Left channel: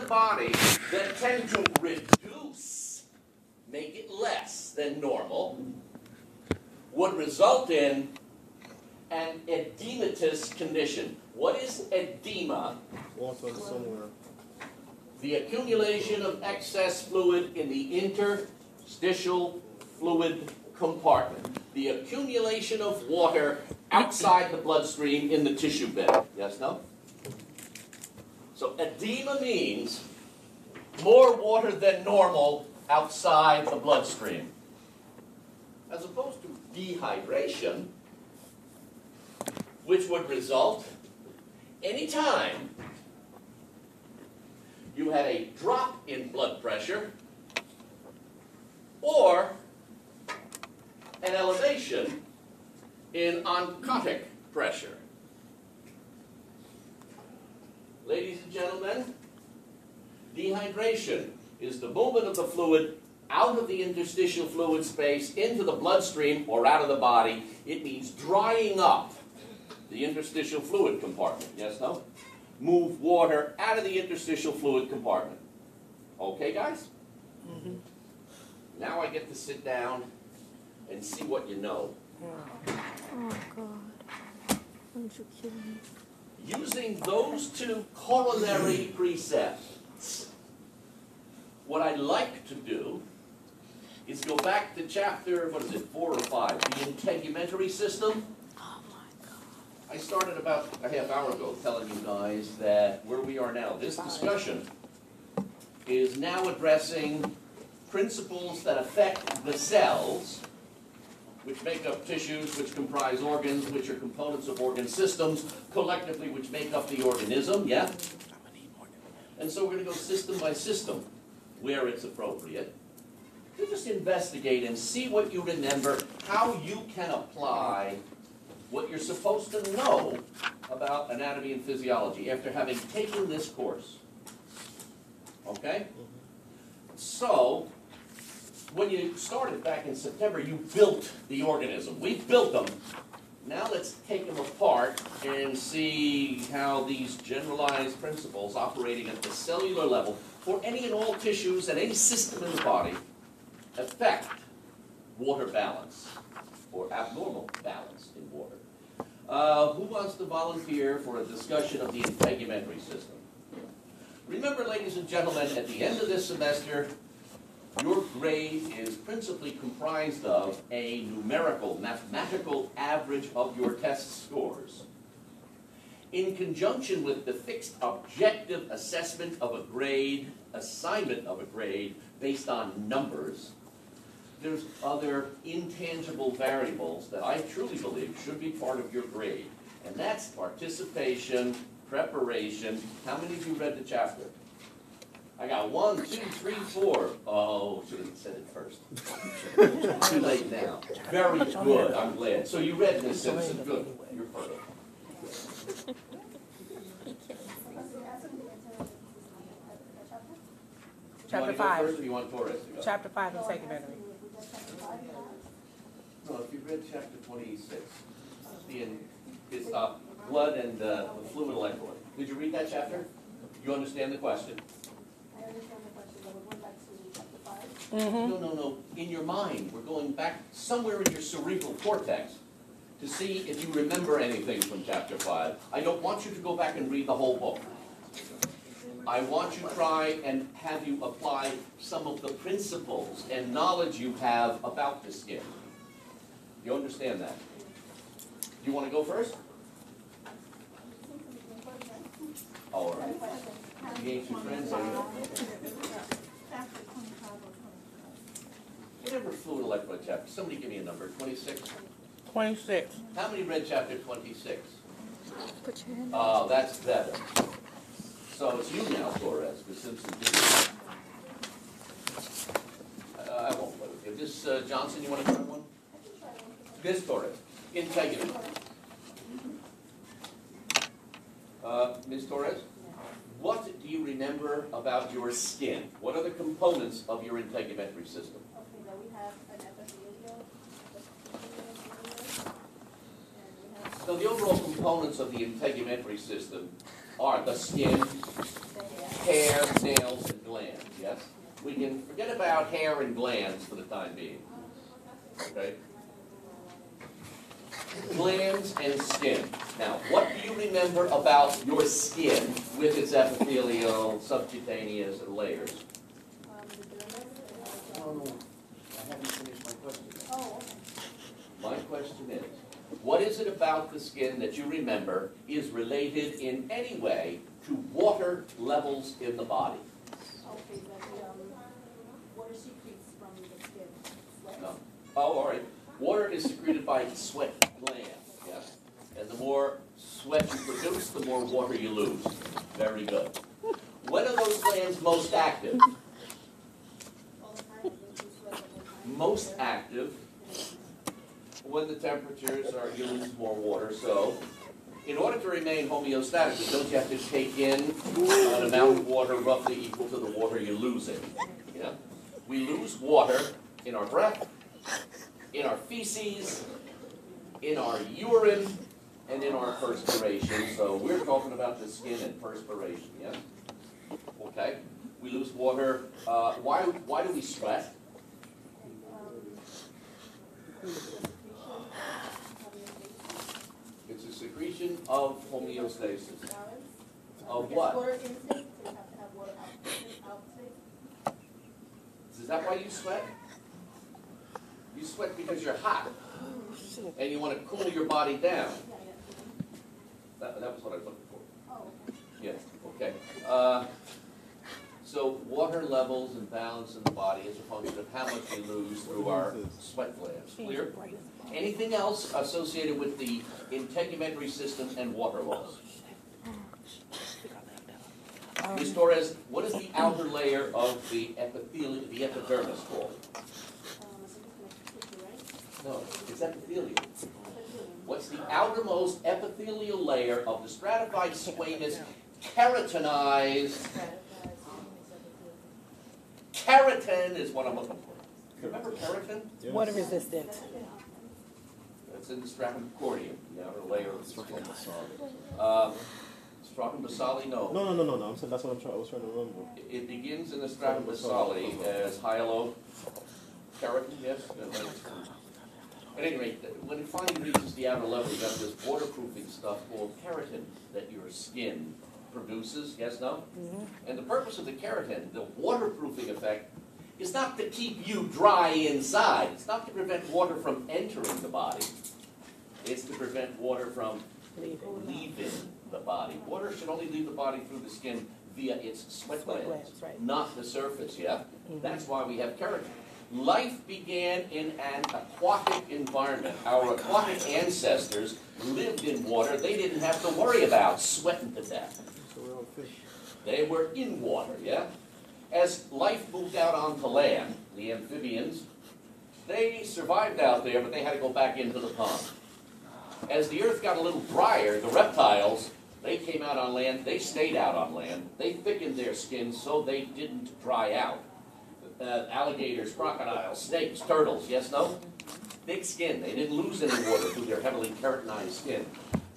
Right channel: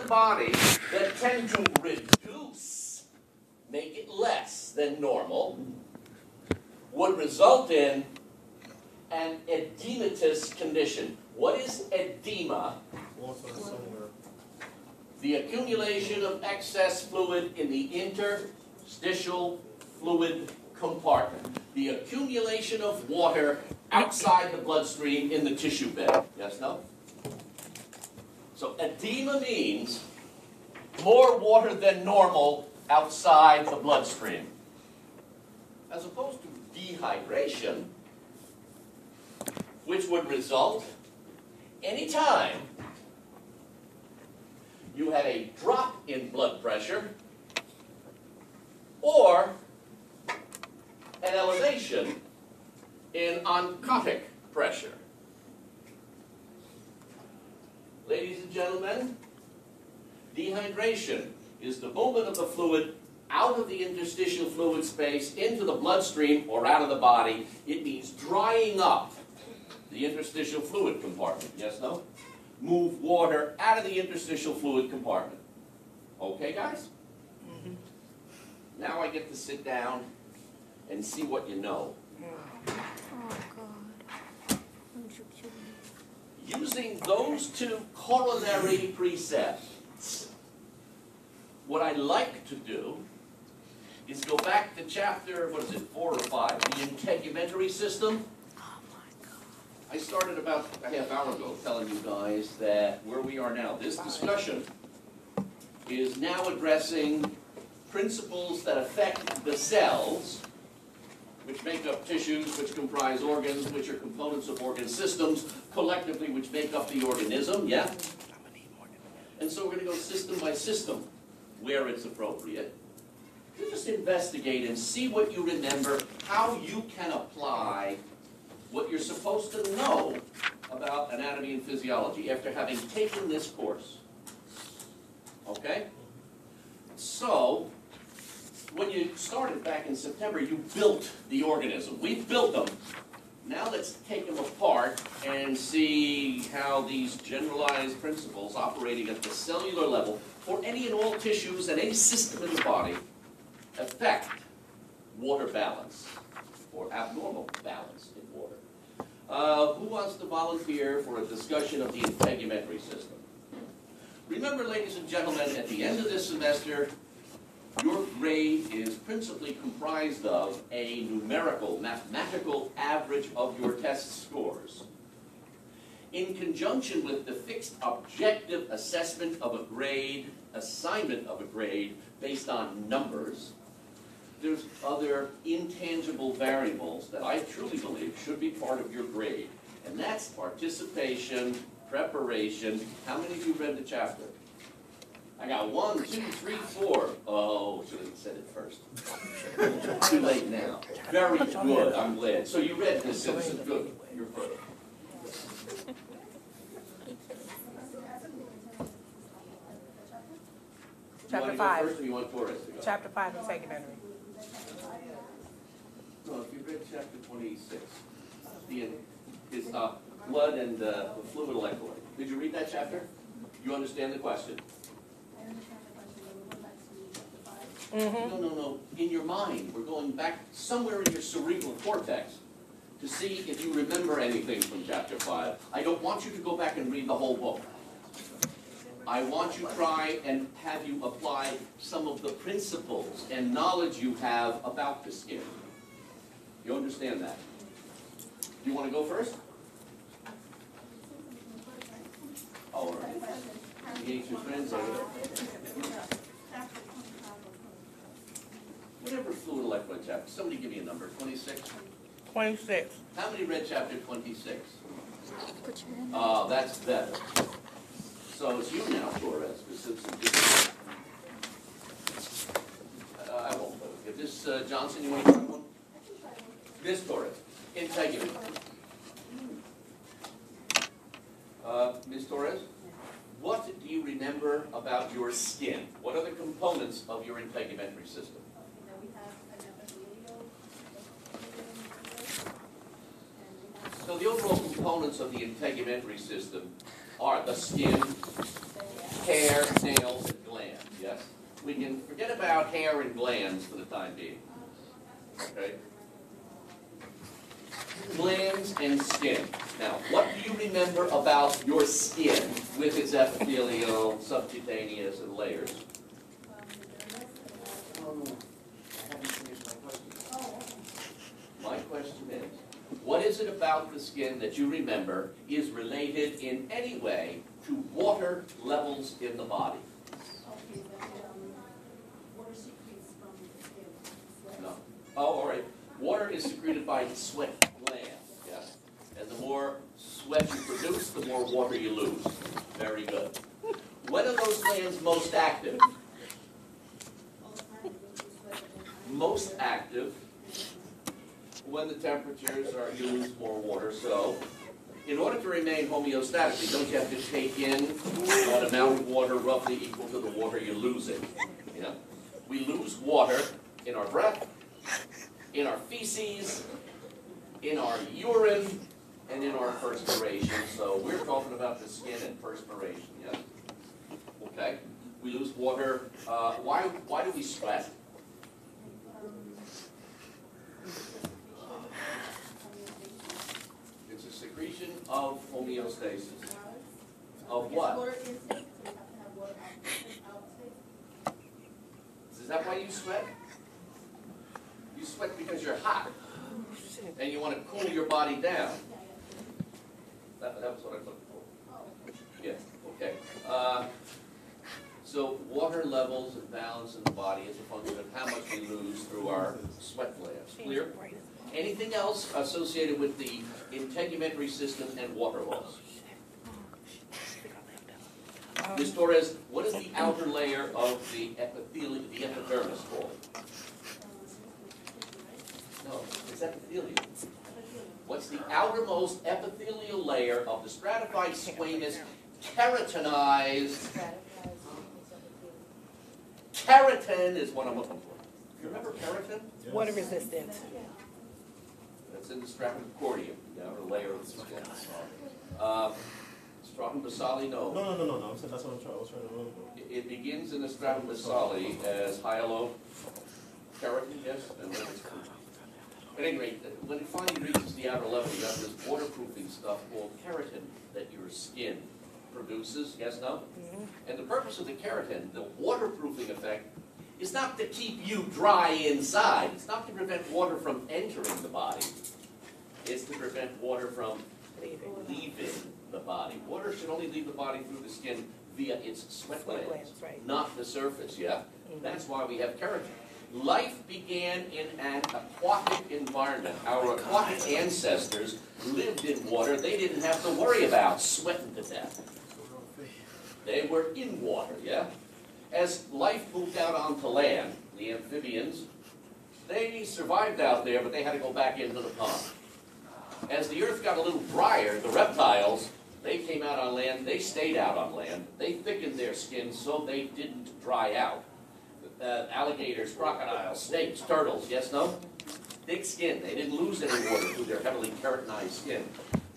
the body that tend to reduce, make it less than normal, would result in an edematous condition. What is edema? Water somewhere. The accumulation of excess fluid in the interstitial fluid compartment. The accumulation of water outside the bloodstream in the tissue bed. Yes, no? So edema means more water than normal outside the bloodstream. As opposed to dehydration, which would result anytime you had a drop in blood pressure or an elevation in oncotic pressure. Ladies and gentlemen, dehydration is the movement of the fluid out of the interstitial fluid space into the bloodstream or out of the body. It means drying up the interstitial fluid compartment. Yes, no? Move water out of the interstitial fluid compartment. Okay, guys? Mm-hmm. Now I get to sit down and see what you know. Oh, God. Don't you kill me. Using those two corollary precepts, what I like to do is go back to chapter, 4 or 5, the integumentary system. Oh, my God. I started about a half hour ago telling you guys that where we are now, this discussion is now addressing principles that affect the cells, which make up tissues, which comprise organs, which are components of organ systems, collectively which make up the organism, yeah? And so we're going to go system by system, where it's appropriate, to just investigate and see what you remember, how you can apply what you're supposed to know about anatomy and physiology after having taken this course. Okay? So, when you started back in September, you built the organism. We built them. Now let's take them apart and see how these generalized principles operating at the cellular level for any and all tissues and any system in the body affect water balance or abnormal balance in water. Who wants to volunteer for a discussion of the integumentary system? Remember, ladies and gentlemen, at the end of this semester, your grade is principally comprised of a numerical, mathematical average of your test scores, in conjunction with the fixed objective assessment of a grade, assignment of a grade based on numbers. There's other intangible variables that I truly believe should be part of your grade, and that's participation, preparation. How many of you read the chapter? I got 1, 2, 3, 4. Oh, should have said it first. Too late now. Very good. I'm glad. So you read The Simpsons. Good. You're perfect. Chapter 5. First, or you want Torres to go? Chapter 5 integumentary. No, if you read chapter 26, it's blood and the fluid electrolyte. Did you read that chapter? You understand the question? I understand the question, but we're going back to chapter 5. Mm-hmm. No. In your mind, we're going back somewhere in your cerebral cortex to see if you remember anything from chapter 5. I don't want you to go back and read the whole book. I want you to try and have you apply some of the principles and knowledge you have about the skin. You understand that? You want to go first? All right. The ancient translator. Whatever fluid electrolyte chapter. Somebody give me a number. 26? 26. How many read chapter 26? Put your hand Oh, that's better. So it's you now, Torres, the Simpson didn't. I won't vote. If this, Johnson, you want to try one? This Torres. Integument. Ms. Torres, what do you remember about your skin? What are the components of your integumentary system? Okay, now we have an epithelial, So the overall components of the integumentary system are the skin, hair, nails, and glands, yes? We can forget about hair and glands for the time being. Okay? Glands and skin. Now, what do you remember about your skin with its epithelial, subcutaneous, and layers? My question is, what is it about the skin that you remember is related in any way to water levels in the body? Okay, water secretes from the skin. No. Oh, all right. Water is secreted by the sweat glands, yes? And the more sweat you produce, the more water you lose. Very good. When are those glands most active? Most active when the temperatures are, you lose more water. So, in order to remain homeostatically, don't you have to take in an amount of water roughly equal to the water you're losing? Yeah? We lose water in our breath, in our feces, in our urine, and in our perspiration. So we're talking about the skin and perspiration, yes? Okay. We lose water. Why do we sweat? It's a secretion of homeostasis. Of what? Is that why you sweat? You sweat because you're hot. And you want to cool your body down. That was what I was looking for. Yes, okay. So water levels and balance in the body is a function of how much we lose through our sweat glands. Clear? Anything else associated with the integumentary system and water loss? Ms. Torres, what is the outer layer of the epithelium, the epidermis called? No, it's epithelium. What's the outermost epithelial layer of the stratified squamous keratinized? Keratin is what I'm looking for. You remember keratin? Yes. Water resistant. It's in the stratum corneum, the outer layer of the squamous. Stratum basale, no. No. That's what I was trying to remember. It begins in the stratum basale as hyalo keratin, yes? At any rate, when it finally reaches the outer level, you have this waterproofing stuff called keratin that your skin produces, yes, no? Mm-hmm. And the purpose of the keratin, the waterproofing effect, is not to keep you dry inside. It's not to prevent water from entering the body. It's to prevent water from leaving the body. Water should only leave the body through the skin via its sweat glands, right. Not the surface, yeah? Mm-hmm. That's why we have keratin. Life began in an aquatic environment. Our aquatic ancestors lived in water. They didn't have to worry about sweating to death. They were in water, yeah? As life moved out onto land, the amphibians, they survived out there, but they had to go back into the pond. As the earth got a little drier, the reptiles, they came out on land. They stayed out on land. They thickened their skin so they didn't dry out. Alligators, crocodiles, snakes, turtles, yes, no? Thick skin. They didn't lose any water through their heavily keratinized skin.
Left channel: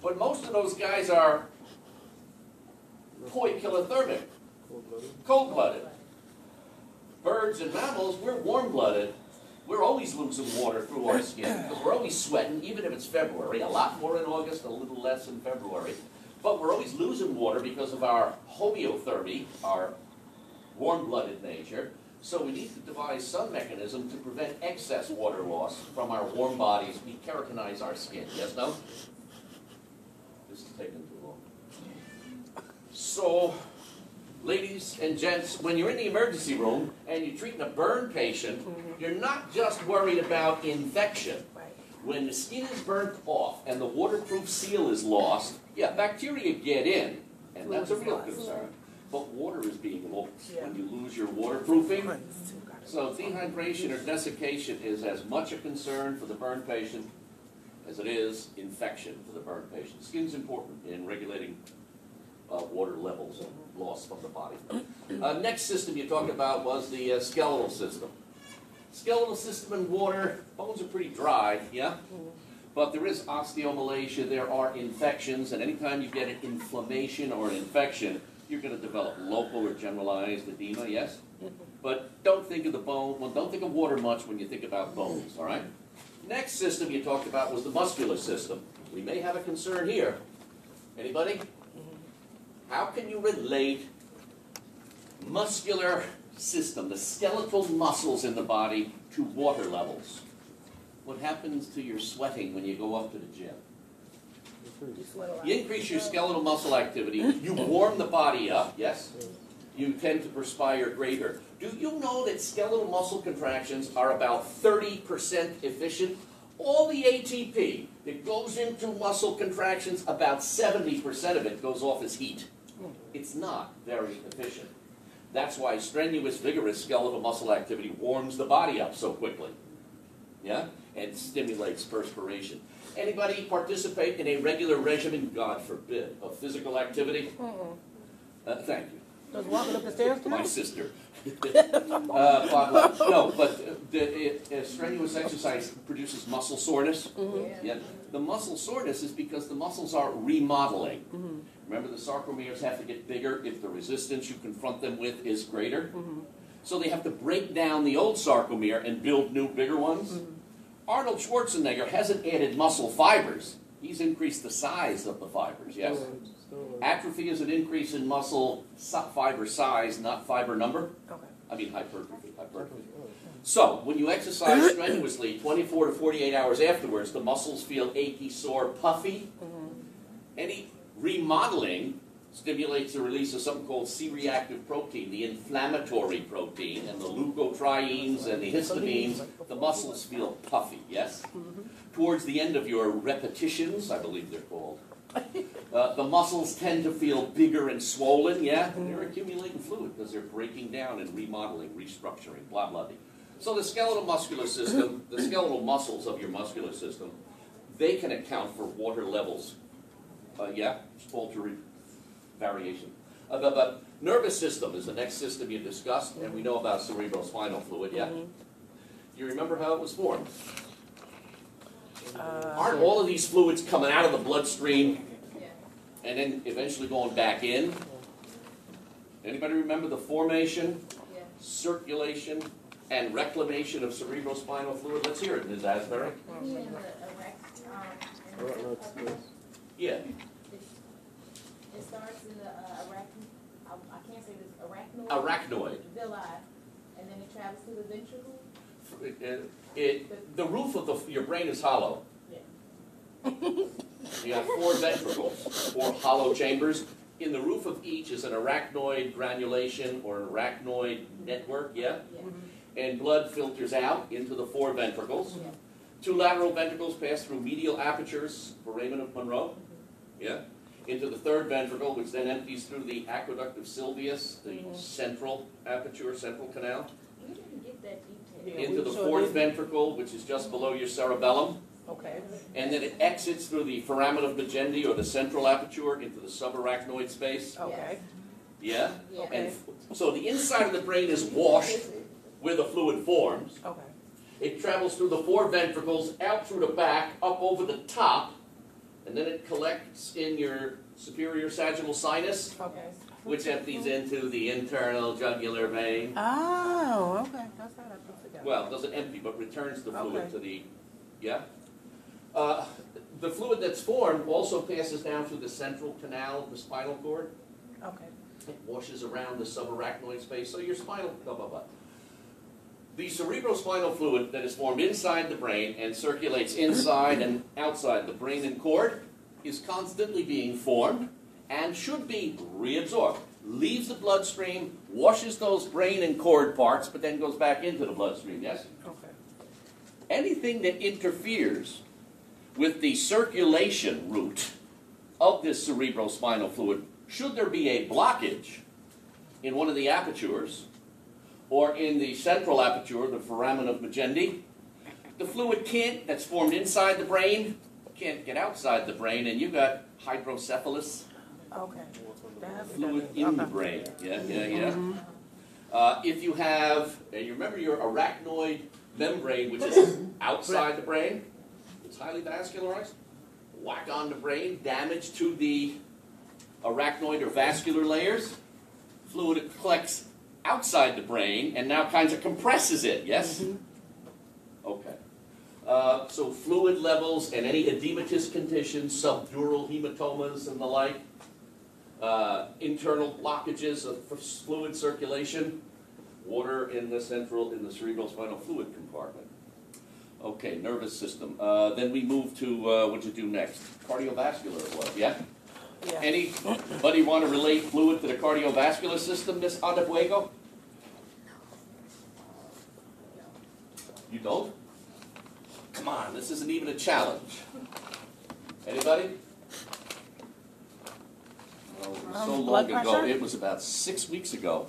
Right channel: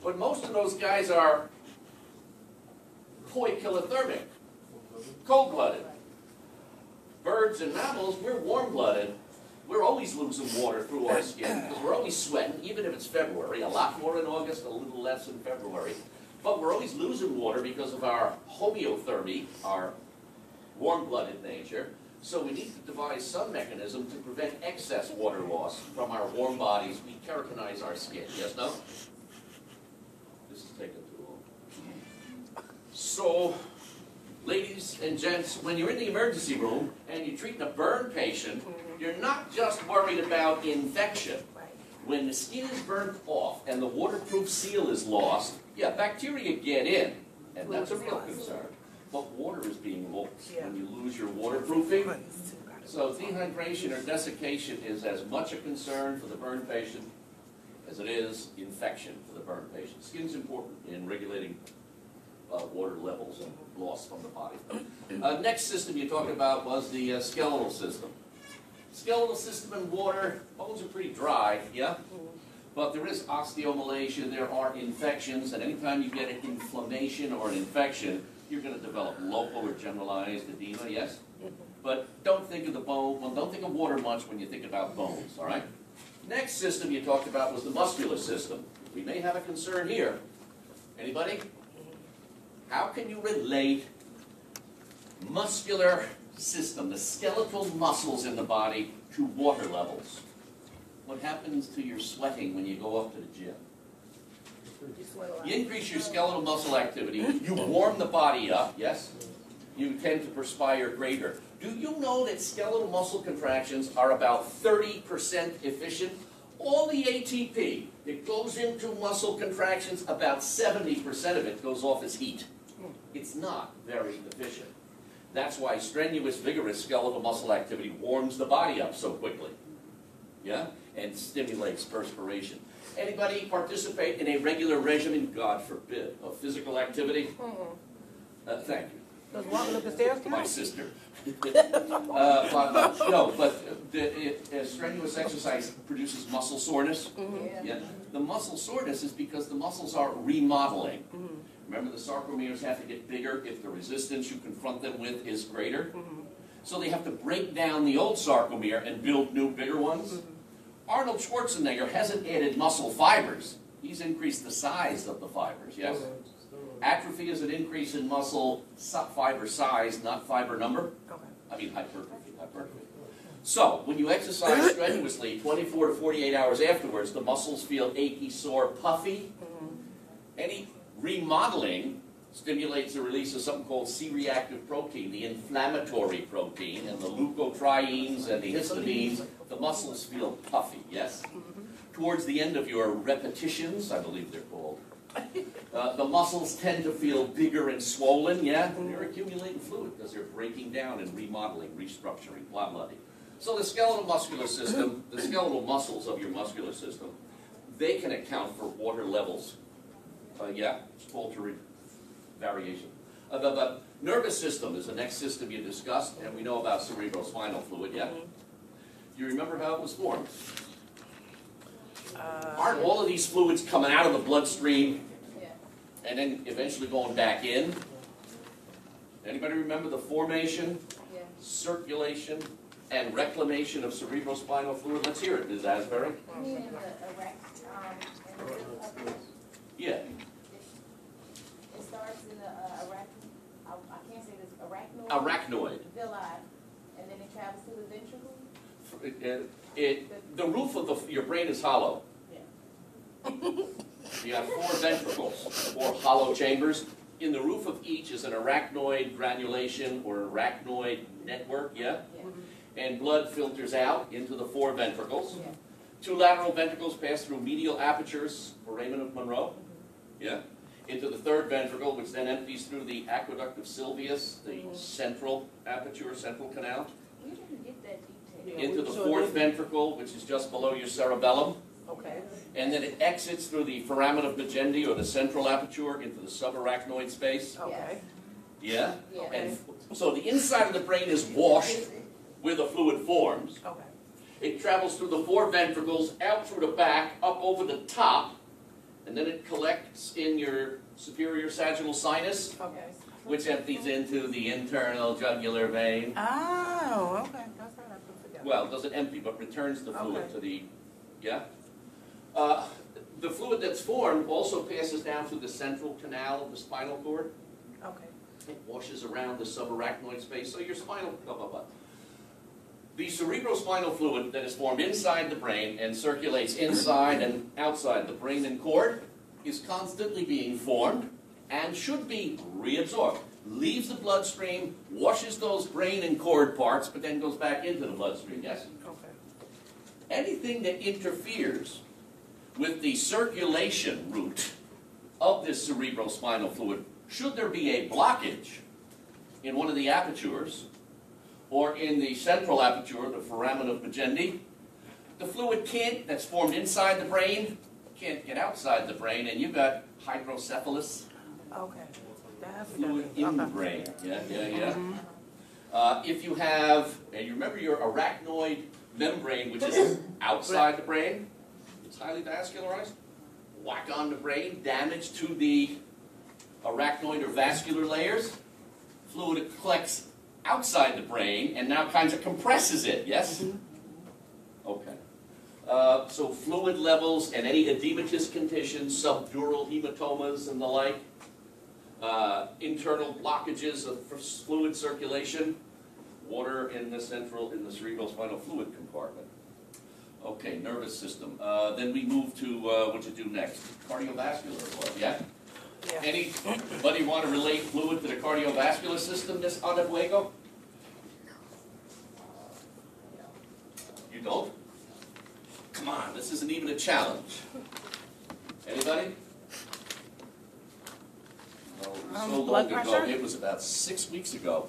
But most of those guys are poikilothermic, cold-blooded. Birds and mammals, we're warm-blooded. We're always losing water through our skin because we're always sweating, even if it's February. A lot more in August, a little less in February. But we're always losing water because of our homeothermy, our warm-blooded nature. So we need to devise some mechanism to prevent excess water loss from our warm bodies. We keratinize our skin. Yes, no? This is taking too long. So, ladies and gents, when you're in the emergency room and you're treating a burn patient, you're not just worried about infection. When the skin is burnt off and the waterproof seal is lost, yeah, bacteria get in, and that's a real concern. But water is being lost when you lose your waterproofing. So dehydration or desiccation is as much a concern for the burn patient as it is infection for the burn patient. Skin's important in regulating water levels and loss from the body. Next system you talked about was the skeletal system. Skeletal system and water, bones are pretty dry, yeah? But there is osteomalacia, there are infections, and anytime you get an inflammation or an infection, you're going to develop local or generalized edema, yes? But don't think of the bone, well, don't think of water much when you think about bones, all right? Next system you talked about was the muscular system. We may have a concern here. Anybody? How can you relate muscular system, the skeletal muscles in the body, to water levels? What happens to your sweating when you go up to the gym? You increase your skeletal muscle activity, you warm the body up, yes? You tend to perspire greater. Do you know that skeletal muscle contractions are about 30% efficient? All the ATP that goes into muscle contractions, about 70% of it goes off as heat. It's not very efficient. That's why strenuous, vigorous skeletal muscle activity warms the body up so quickly. Yeah? And stimulates perspiration. Anybody participate in a regular regimen, God forbid, of physical activity? Thank you. Does walking up the stairs count? My sister. No, but strenuous exercise produces muscle soreness. Yeah. The muscle soreness is because the muscles are remodeling. Remember, the sarcomeres have to get bigger if the resistance you confront them with is greater. So they have to break down the old sarcomere and build new, bigger ones. Arnold Schwarzenegger hasn't added muscle fibers. He's increased the size of the fibers, yes? Atrophy is an increase in muscle fiber size, not fiber number. Okay. I mean hypertrophy. So, when you exercise strenuously, 24 to 48 hours afterwards, the muscles feel achy, sore, puffy. Any remodeling stimulates the release of something called C-reactive protein, the inflammatory protein, and the leukotrienes and the histamines. The muscles feel puffy, yes? Towards the end of your repetitions, I believe they're called, the muscles tend to feel bigger and swollen, yeah? And you're accumulating fluid because they're breaking down and remodeling, restructuring, blah, blah, blah. So the skeletal muscular system, the skeletal muscles of your muscular system, they can account for water levels. Yeah, it's altered variation. The nervous system is the next system you discussed, and we know about cerebrospinal fluid, yeah? Do you remember how it was formed? Aren't all of these fluids coming out of the bloodstream and then eventually going back in? Anybody remember the formation, circulation, and reclamation of cerebrospinal fluid? Let's hear it, Ms. Asbury. Yeah. It starts in the I can't say this, arachnoid. Arachnoid. Villi, and then it travels to the ventricle. The roof of your brain is hollow. Yeah. You have 4 ventricles, 4 hollow chambers. In the roof of each is an arachnoid granulation or arachnoid network, yeah? And blood filters out into the 4 ventricles. 2 lateral ventricles pass through medial apertures, foramen of Monroe, yeah? Into the 3rd ventricle, which then empties through the aqueduct of Sylvius, the central aperture, central canal. We didn't get that detail. Into the 4th ventricle, which is just below your cerebellum. Okay. And then it exits through the foramen of Magendie, or the central aperture, into the subarachnoid space. Okay. Yeah? Yeah. And so the inside of the brain is washed where the fluid forms. Okay. It travels through the 4 ventricles, out through the back, up over the top, and then it collects in your superior sagittal sinus, Okay. which empties into the internal jugular vein. Oh, okay. That's how that puts together. Well, it doesn't empty, but returns the fluid Okay. to the, yeah? The fluid that's formed also passes down through the central canal of the spinal cord. Okay. It washes around the subarachnoid space, so your spinal, blah, blah, blah. The cerebrospinal fluid that is formed inside the brain and circulates inside and outside the brain and cord is constantly being formed and should be reabsorbed. Leaves the bloodstream, washes those brain and cord parts, but then goes back into the bloodstream, yes? Okay. Anything that interferes with the circulation route of this cerebrospinal fluid, should there be a blockage in one of the apertures, or in the central aperture, the foramen of Magendie, the fluid that's formed inside the brain, can't get outside the brain, and you've got hydrocephalus, Okay. That's fluid in the brain. Yeah. If you have, and you remember your arachnoid membrane, which is outside the brain, it's highly vascularized, whack on the brain, damage to the arachnoid or vascular layers, fluid that collects outside the brain and now kind of compresses it, yes? Okay. So fluid levels and any edematous conditions, subdural hematomas and the like, internal blockages of fluid circulation, water in the cerebral spinal fluid compartment. Okay, nervous system. Then we move to, what you do next? Cardiovascular blood, yeah? Yeah. Anybody want to relate fluid to the cardiovascular system, Miss Adebuego? You don't? Come on, this isn't even a challenge. Anybody? Oh, it was so blood long ago. pressure? It was about 6 weeks ago.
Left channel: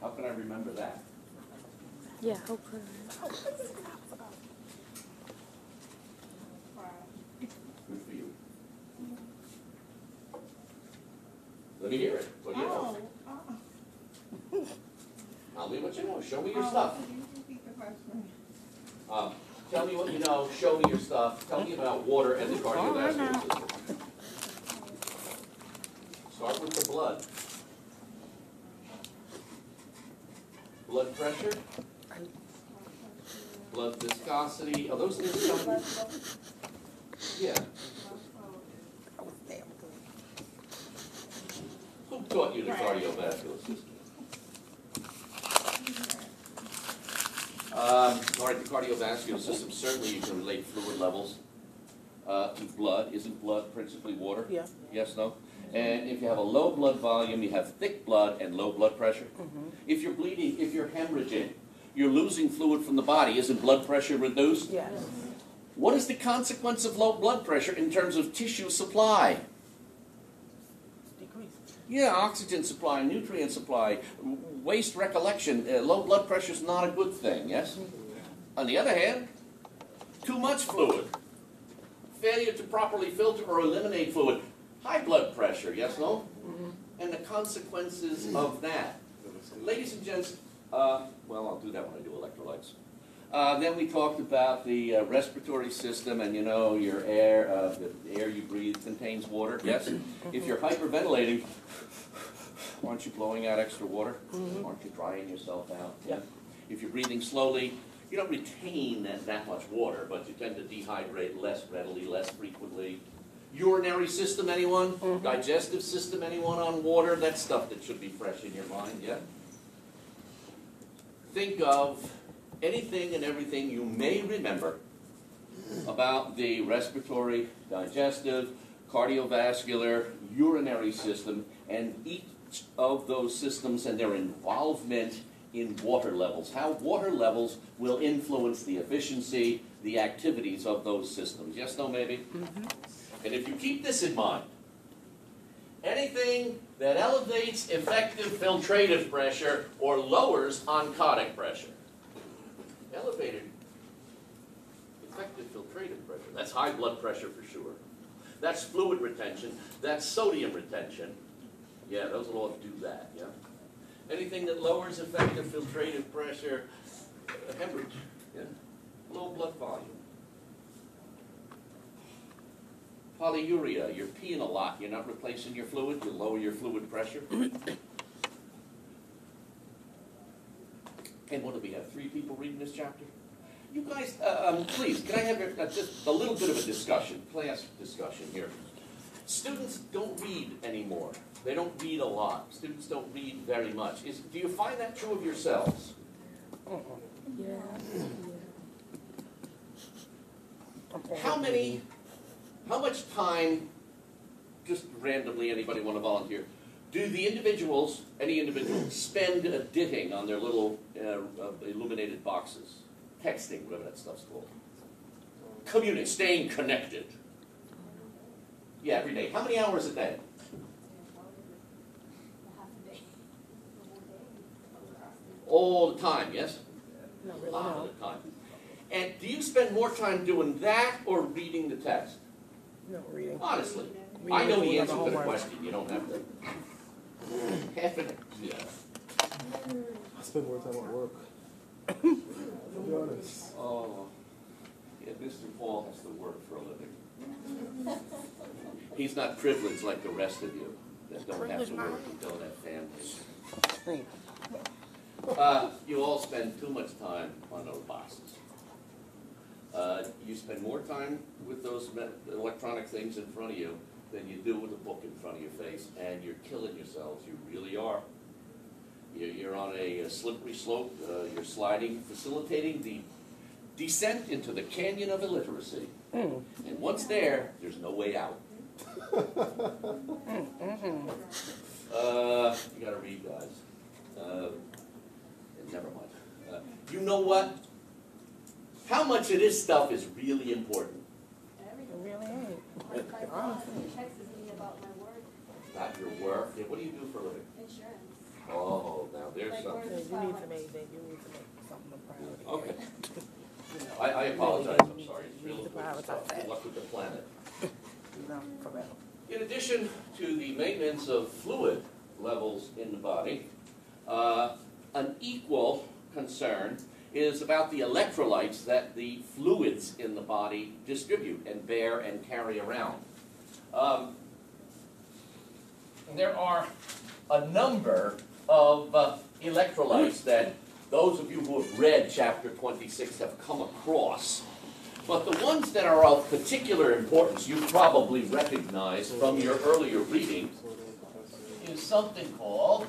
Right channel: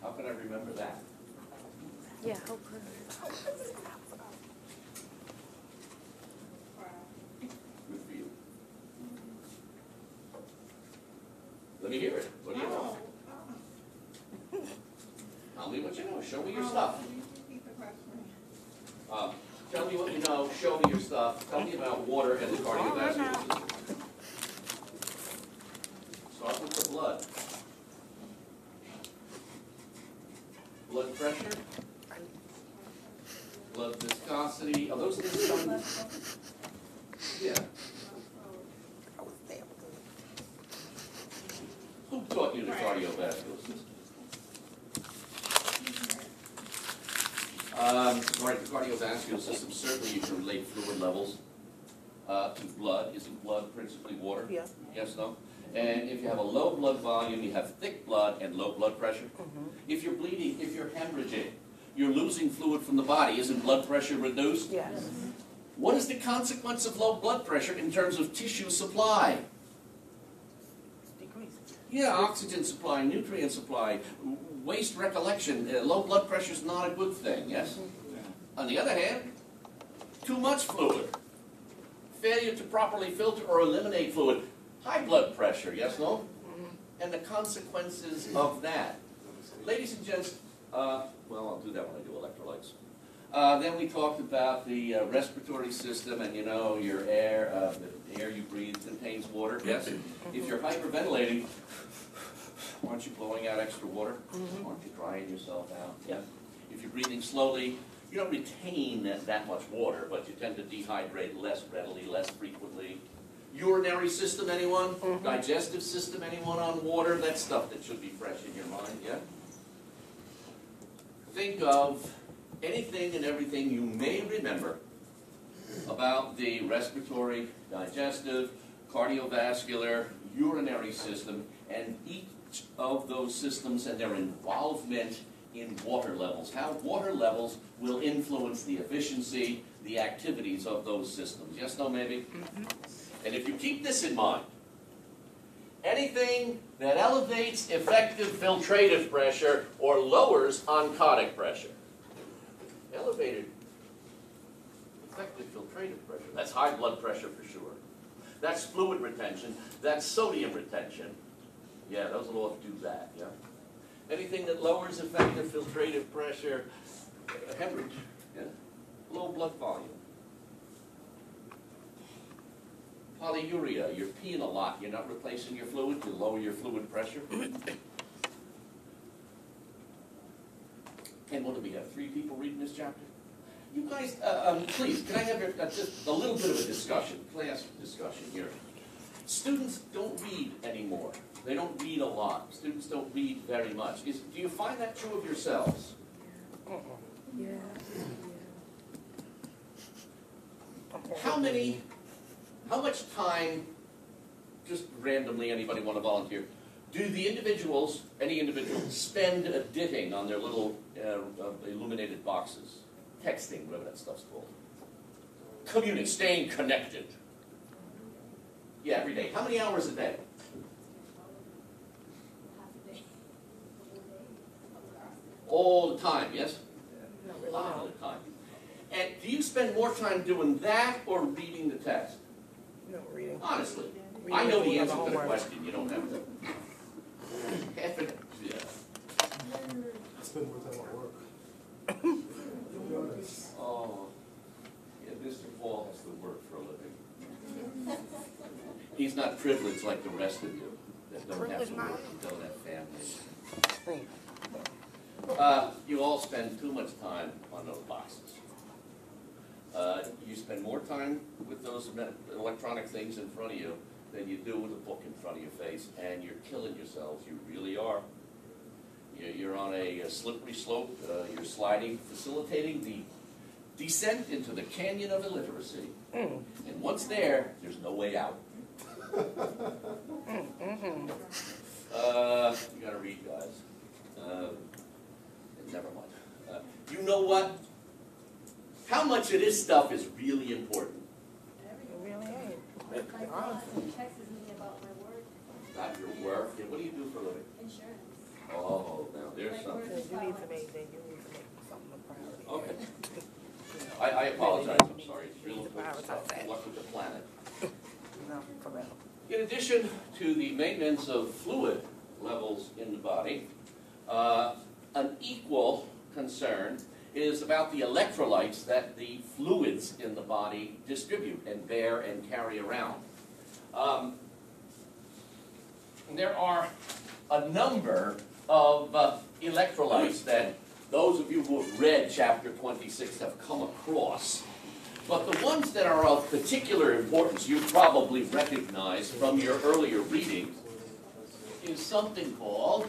How can I remember that? Yeah, how could Good for you. Let me hear it. What do you know? Tell me what you know. Show me your stuff. Tell me what you know. Show me your stuff. Tell me about water and the cardiovascular system. Start with the blood. Blood pressure. Blood viscosity. Are those things? Yeah. Who taught you the cardiovascular system? All right, the cardiovascular system, certainly you can relate fluid levels to blood. Isn't blood principally water? Yeah. Yes, no? And if you have a low blood volume, you have thick blood and low blood pressure. If you're bleeding, if you're hemorrhaging, you're losing fluid from the body. Isn't blood pressure reduced? Yes. What is the consequence of low blood pressure in terms of tissue supply? Decrease. Yeah, oxygen supply, nutrient supply, waste recollection. Low blood pressure is not a good thing, yes? On the other hand, too much fluid. Failure to properly filter or eliminate fluid. High blood pressure, yes, no? And the consequences of that. Ladies and gents, well, I'll do that when I do electrolytes. Then we talked about the respiratory system, and you know, your air, the air you breathe contains water, yes? If you're hyperventilating, aren't you blowing out extra water? Aren't you drying yourself out? Yeah. If you're breathing slowly, you don't retain that much water, but you tend to dehydrate less readily, less frequently. Urinary system, anyone? Digestive system, anyone on water? That's stuff that should be fresh in your mind, yeah? Think of anything and everything you may remember about the respiratory, digestive, cardiovascular, urinary system, and each of those systems and their involvement in water levels. How water levels will influence the efficiency, the activities of those systems. Yes, no, maybe? And if you keep this in mind, anything that elevates effective filtrative pressure or lowers oncotic pressure. Elevated effective filtrative pressure. That's high blood pressure for sure. That's fluid retention. That's sodium retention. Yeah, those will all do that, yeah? Anything that lowers effective filtrative pressure, hemorrhage, yeah? Low blood volume. Polyuria, you're peeing a lot, you're not replacing your fluid, you lower your fluid pressure. And what do we have, 3 people reading this chapter? You guys, please, can I have just a little bit of a discussion, class discussion here. Students don't read anymore. They don't read a lot. Students don't read very much. Do you find that true of yourselves? Yeah. How much time, just randomly, anybody want to volunteer, do the individuals, any individuals, spend ditting on their little illuminated boxes? Texting, whatever that stuff's called. Communicating, staying connected. Yeah, every day. How many hours a day? All the time, yes? A lot of the time. And do you spend more time doing that or reading the text? No, reading. Honestly. Reading I know the is answer to the homework. question. You don't have to. Half it, yeah. I spend more time at work. Oh. Yeah, Mr. Paul has to work for a living. He's not privileged like the rest of you that don't have to work and don't have families. You all spend too much time on those boxes. You spend more time with those electronic things in front of you than you do with a book in front of your face, and you're killing yourselves. You really are. You're on a slippery slope. You're sliding, facilitating the descent into the canyon of illiteracy. And once there, there's no way out. You gotta read, guys. Never mind. You know what? How much of this stuff is really important? It really ain't. My boss texts me about my work, Not your work. Yeah, what do you do for a living? insurance. Oh, now there's something. You need to make something a priority. Okay. You know, I apologize. I'm sorry. It's real You need to important stuff. prioritize that. Good luck with the planet. You know, for real. In addition to the maintenance of fluid levels in the body, an equal concern is about the electrolytes that the fluids in the body distribute and bear and carry around. There are a number of electrolytes that those of you who have read chapter 26 have come across. But the ones that are of particular importance, you probably recognize from your earlier reading, is something called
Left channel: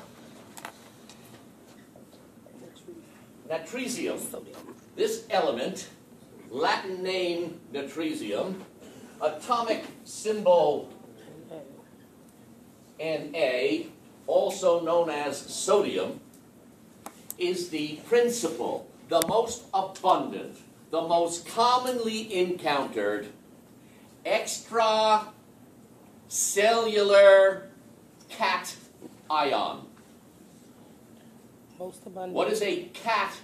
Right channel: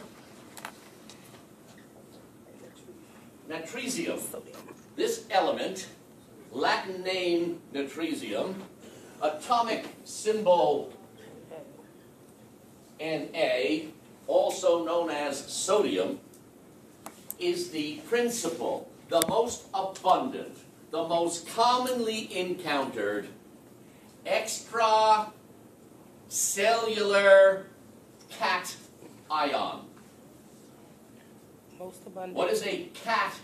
natresium. This element, Latin name natresium, atomic symbol Na, also known as sodium, is the principal, the most abundant, the most commonly encountered extracellular cation. Most abundant. What is a cation?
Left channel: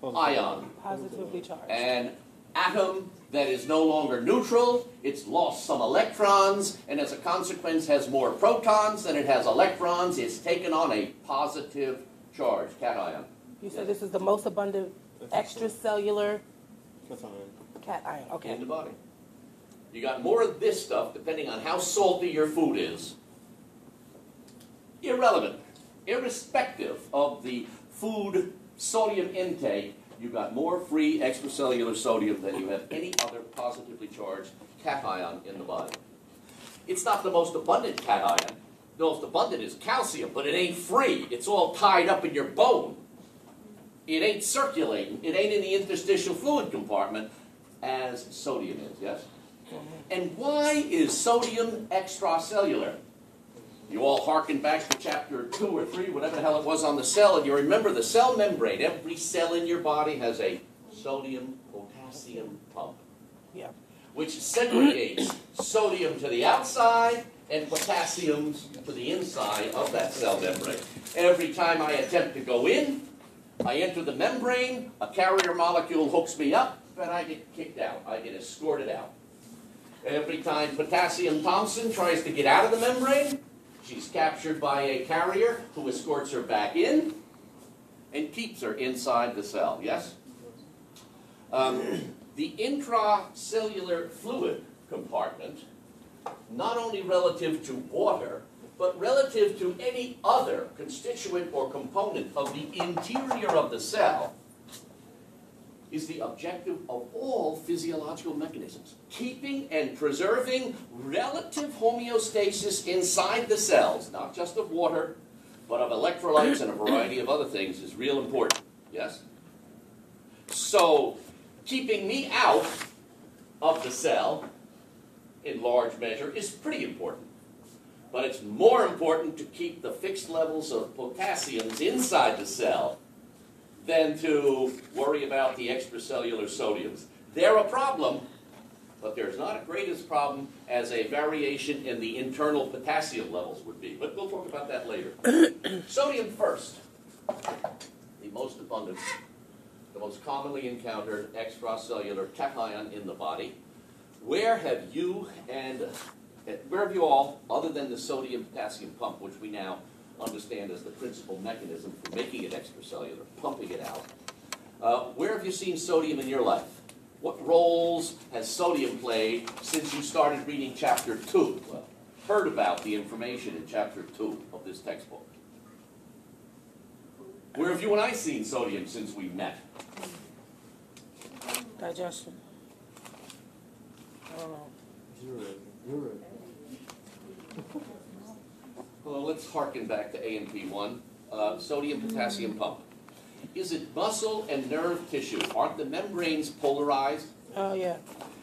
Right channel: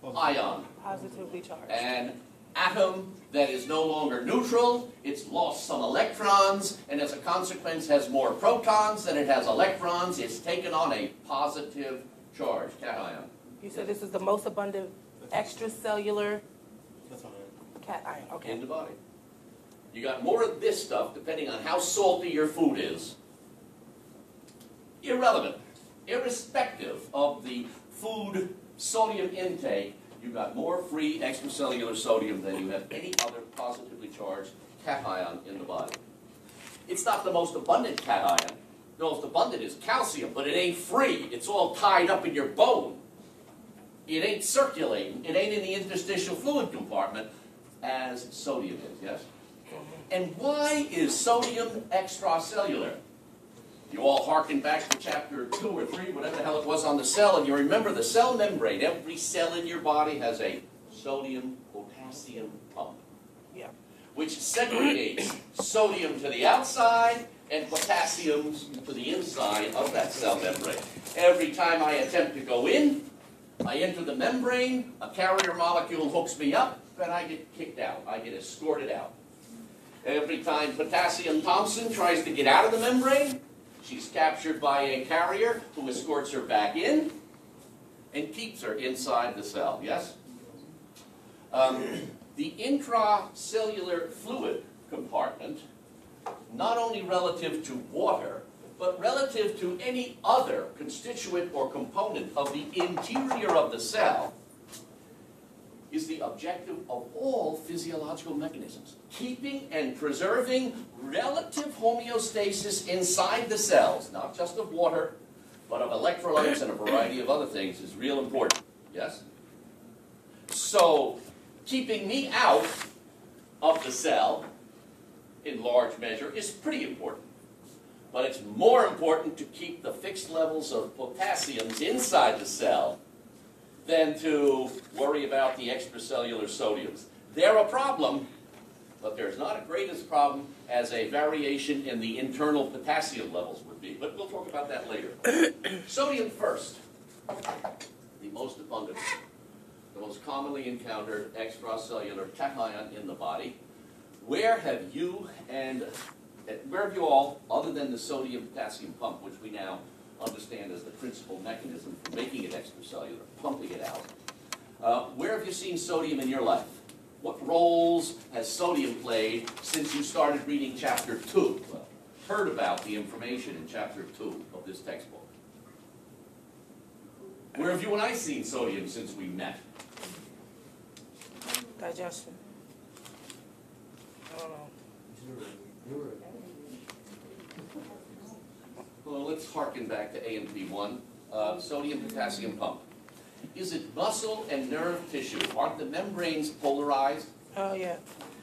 Positively charged. An atom that is no longer neutral, it's lost some electrons, and as a consequence has more protons than it has electrons. It's taken on a positive charge, cation. You said this is the most abundant extracellular That's all right. cation. Okay. In the body. You got more of this stuff, depending on how salty your food is. Irrelevant. Irrespective of the food sodium intake, you've got more free extracellular sodium than you have any other positively charged cation in the body. It's not the most abundant cation. The most abundant is calcium, but it ain't free. It's all tied up in your bone. It ain't circulating. It ain't in the interstitial fluid compartment as sodium is, yes? And why is sodium extracellular? You all harken back to chapter 2 or 3, whatever the hell it was on the cell, and you remember the cell membrane. Every cell in your body has a sodium-potassium pump, Yeah. which segregates sodium to the outside and potassium to the inside of that cell membrane. Every time I attempt to go in, I enter the membrane, a carrier molecule hooks me up, and I get kicked out. I get escorted out. Every time Potassium Thompson tries to get out of the membrane, she's captured by a carrier who escorts her back in and keeps her inside the cell, yes? The intracellular fluid compartment, not only relative to water, but relative to any other constituent or component of the interior of the cell, is the objective of all physiological mechanisms. Keeping and preserving relative homeostasis inside the cells, not just of water, but of electrolytes and a variety of other things, is real important. Yes? So, keeping me out of the cell, in large measure, is pretty important. But it's more important to keep the fixed levels of potassiums inside the cell than to worry about the extracellular sodiums. They're a problem, but there's not a greatest problem as a variation in the internal potassium levels would be. But we'll talk about that later. Sodium first. The most abundant, the most commonly encountered extracellular cation in the body. Where have you all, other than the sodium-potassium pump, which we now understand as the principal mechanism for making it extracellular, pumping it out, where have you seen sodium in your life? What roles has sodium played since you started reading chapter 2? Well, heard about the information in chapter 2 of this textbook. Where have you and I seen sodium since we met? Digestion. I don't know. You're right. Well, let's harken back to AMP1. Sodium-potassium pump. Is it muscle and nerve tissue? Aren't the membranes polarized? Oh, yeah.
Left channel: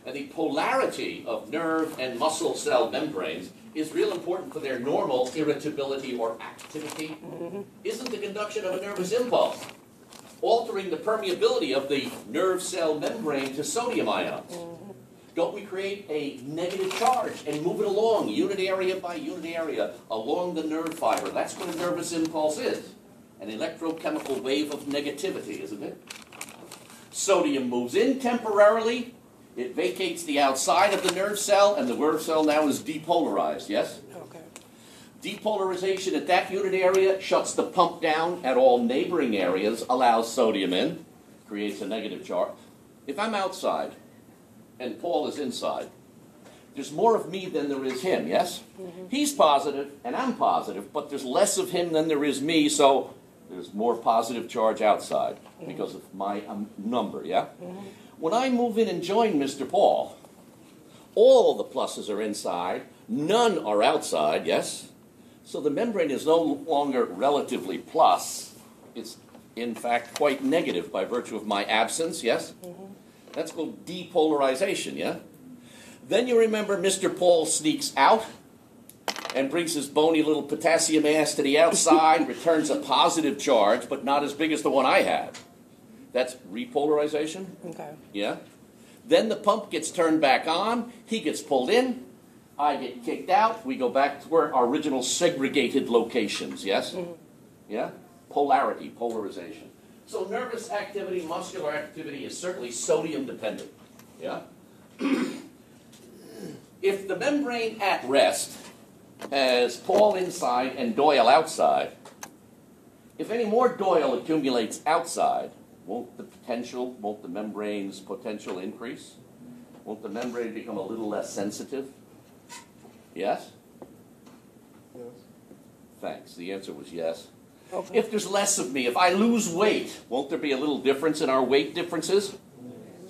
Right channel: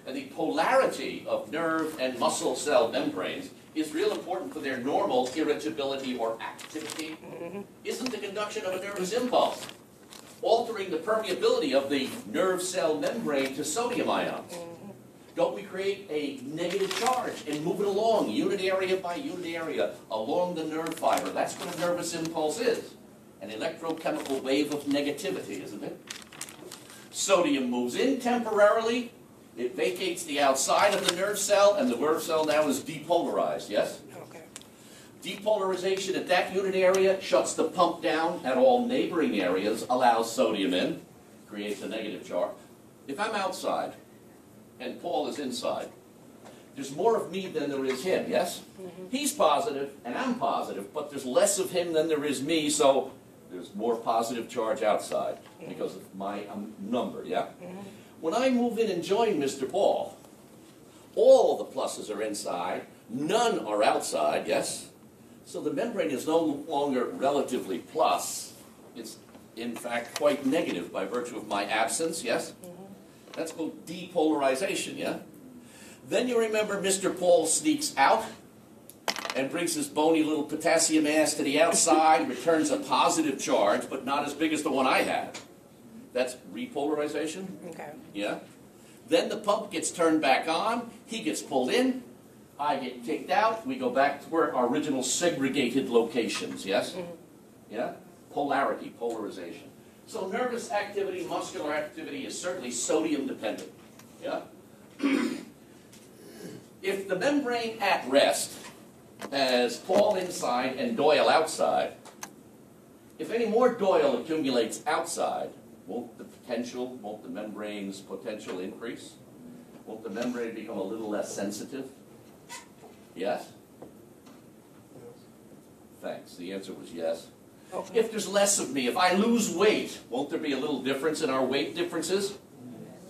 And the polarity of nerve and muscle cell membranes is real important for their normal irritability or activity. Isn't the conduction of a nervous impulse altering the permeability of the nerve cell membrane to sodium ions? Don't we create a negative charge and move it along, unit area by unit area, along the nerve fiber? That's what a nervous impulse is. An electrochemical wave of negativity, isn't it? Sodium moves in temporarily. It vacates the outside of the nerve cell, and the nerve cell now is depolarized, yes? Okay. Depolarization at that unit area shuts the pump down at all neighboring areas, allows sodium in, creates a negative charge. If I'm outside, and Paul is inside, there's more of me than there is him, yes? He's positive, and I'm positive, but there's less of him than there is me, so there's more positive charge outside because of my number, yeah? When I move in and join Mr. Paul, all the pluses are inside, none are outside, yes? So the membrane is no longer relatively plus. It's, in fact, quite negative by virtue of my absence, yes? That's called depolarization, yeah? Then you remember Mr. Paul sneaks out and brings his bony little potassium ass to the outside, returns a positive charge, but not as big as the one I had. That's repolarization, Okay. yeah? Then the pump gets turned back on, he gets pulled in, I get kicked out, we go back to our original segregated locations, yes? Yeah? Polarity, polarization. So nervous activity, muscular activity is certainly sodium dependent. Yeah? If the membrane at rest has Paul inside and Doyle outside, if any more Doyle accumulates outside, won't the membrane's potential increase? Won't the membrane become a little less sensitive? Yes? Yes. Thanks. The answer was yes. Okay. If there's less of me, if I lose weight, won't there be a little difference in our weight differences?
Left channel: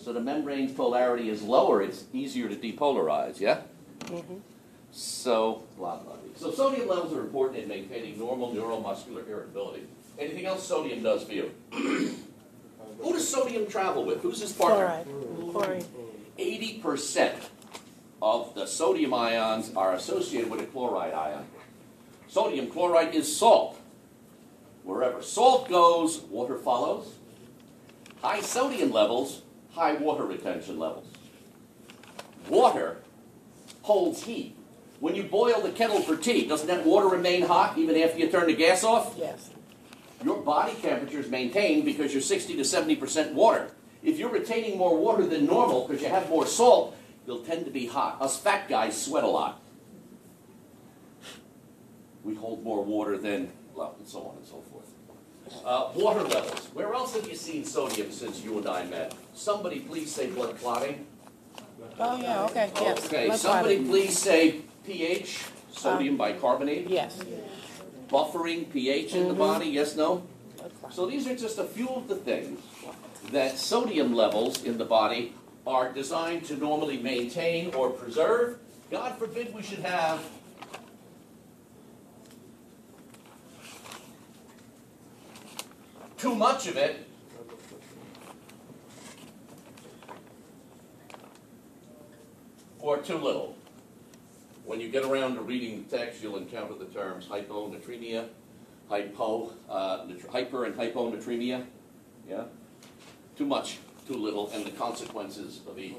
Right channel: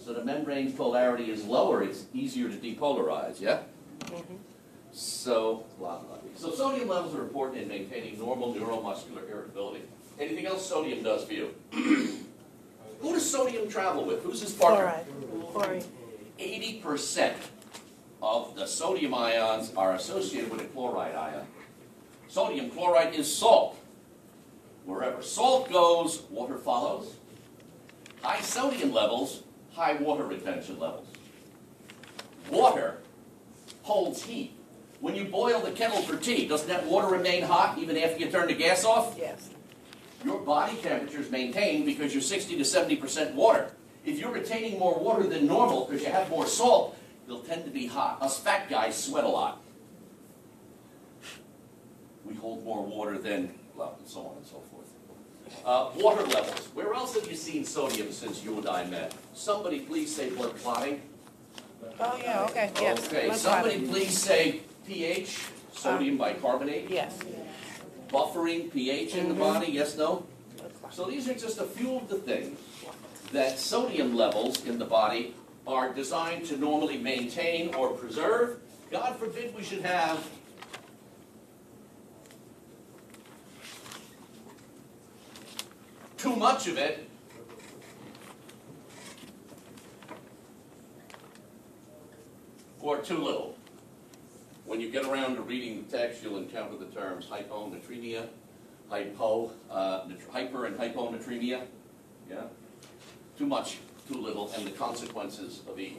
So the membrane's polarity is lower, it's easier to depolarize, yeah? So, blah, blah, blah. So sodium levels are important in maintaining normal neuromuscular irritability. Anything else sodium does for you? Who does sodium travel with? Who's his partner? Chloride. 80% of the sodium ions are associated with a chloride ion. Sodium chloride is salt. Wherever salt goes, water follows. High sodium levels, high water retention levels. Water holds heat. When you boil the kettle for tea, doesn't that water remain hot even after you turn the gas off? Yes. Your body temperature is maintained because you're 60 to 70% water. If you're retaining more water than normal because you have more salt, you'll tend to be hot. Us fat guys sweat a lot. We hold more water than, well, and so on and so forth. Water levels. Where else have you seen sodium since you and I met? Somebody please say blood clotting. Oh, yeah, okay, yes. Okay, Let's somebody try it. please say pH, sodium bicarbonate. Yes. Buffering pH in the body, yes, no? So these are just a few of the things that sodium levels in the body are designed to normally maintain or preserve. God forbid we should have too much of it. Or too little. When you get around to reading the text, you'll encounter the terms hyponatremia, hyper and hyponatremia. Yeah? Too much, too little, and the consequences of each.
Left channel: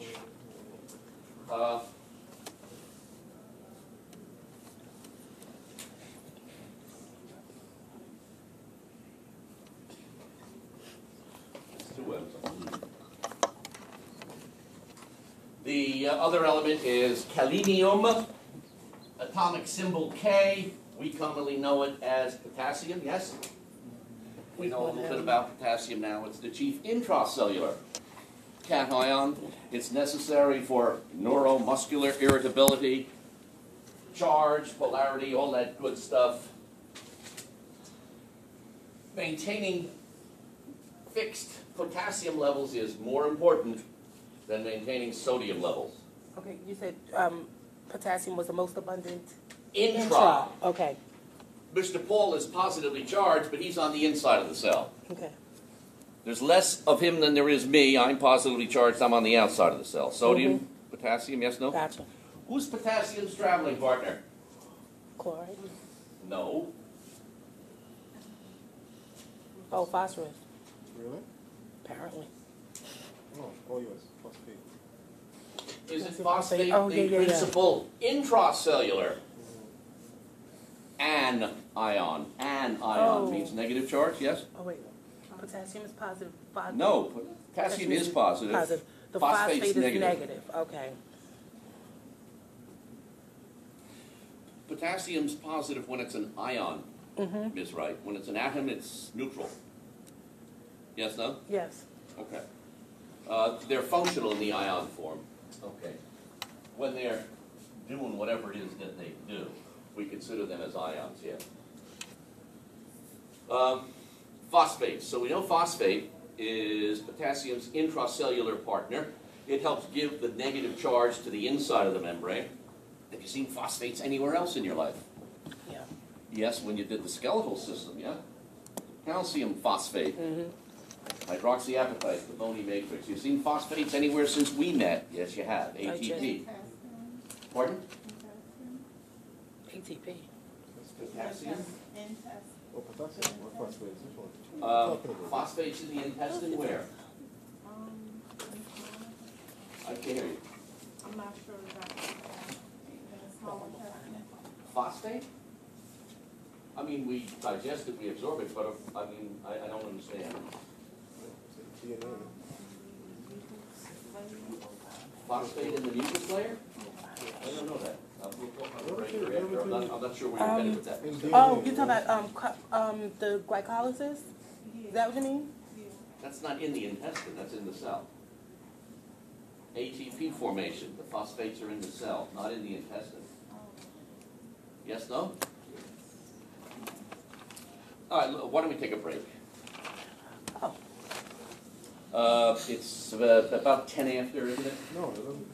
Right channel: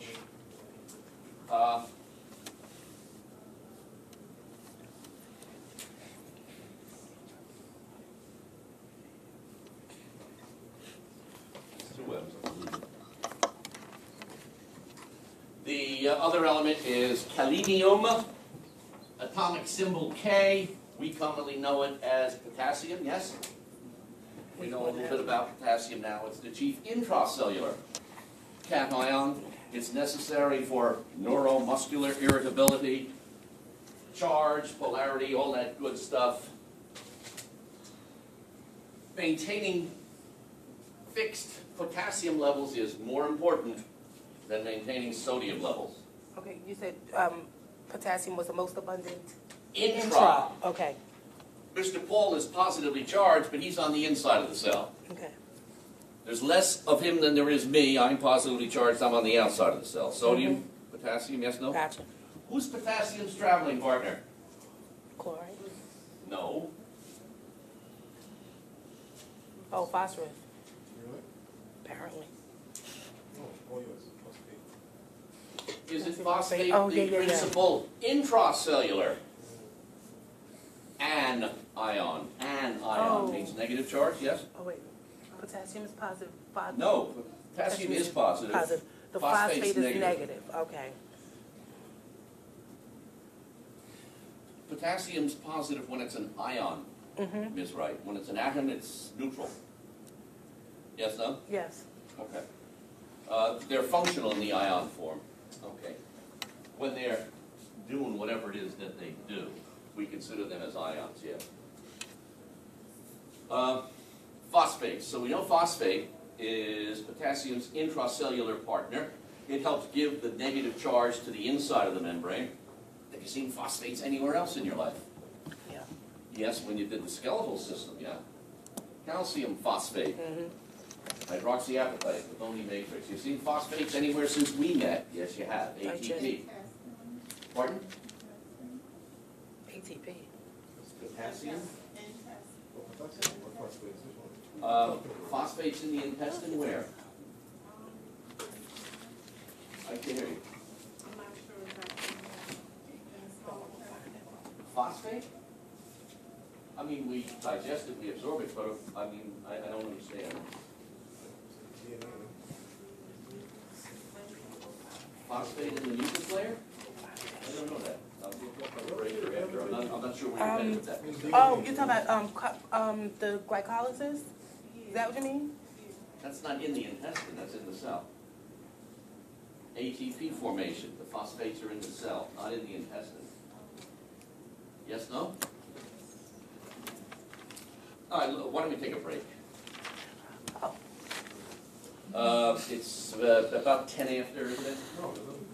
The other element is selenium, atomic symbol K. We commonly know it as potassium, yes? We know a little bit about potassium now. It's the chief intracellular cation. It's necessary for neuromuscular irritability, charge, polarity, all that good stuff. maintaining fixed potassium levels is more important than maintaining sodium levels. Okay, you said potassium was the most abundant. Intra. Okay. Mr. Paul is positively charged, but he's on the inside of the cell. Okay. There's less of him than there is me. I'm positively charged. I'm on the outside of the cell. Sodium, potassium, yes, no? Gotcha. Who's potassium's traveling partner? Chloride. No. Oh, phosphorus. Really? Apparently. No. Oh, yes. Phosphate. Is it phosphate Oh, the yeah. principal intracellular? An ion. An ion Oh. means negative charge, yes? Oh, wait. Potassium is positive. No. Potassium is positive. Positive. The Phosphate's phosphate is negative. Okay. Potassium's positive when it's an ion, Ms. Wright. When it's an atom, it's neutral. Yes, no? Yes. Okay. They're functional in the ion form. Okay. When they're doing whatever it is that they do, we consider them as ions, yes. Phosphates. So we know phosphate is potassium's intracellular partner. It helps give the negative charge to the inside of the membrane. Have you seen phosphates anywhere else in your life? Yeah. Yes, when you did the skeletal system, yeah? Calcium phosphate. Hydroxyapatite, the bony matrix. You've seen phosphates anywhere since we met? Yes, you have. ATP. Pardon? ATP. Potassium? Oh, potassium. What phosphate is it for? Phosphates in the intestine where? I can't hear you. I'm not sure exactly. In a smaller intestine. Phosphate? I mean, we digest it, we absorb it, but I mean, I don't understand. DNA. Phosphate in the mucus layer? I don't know that. We'll talk about the breaker after. I'm not sure what you're headed with that. Oh, you're talking about the glycolysis? Is that what you mean? That's not in the intestine, that's in the cell. ATP formation, the phosphates are in the cell, not in the intestine. Yes, no? All right, why don't we take a break? Oh. It's about 10 after, isn't it? No, it doesn't.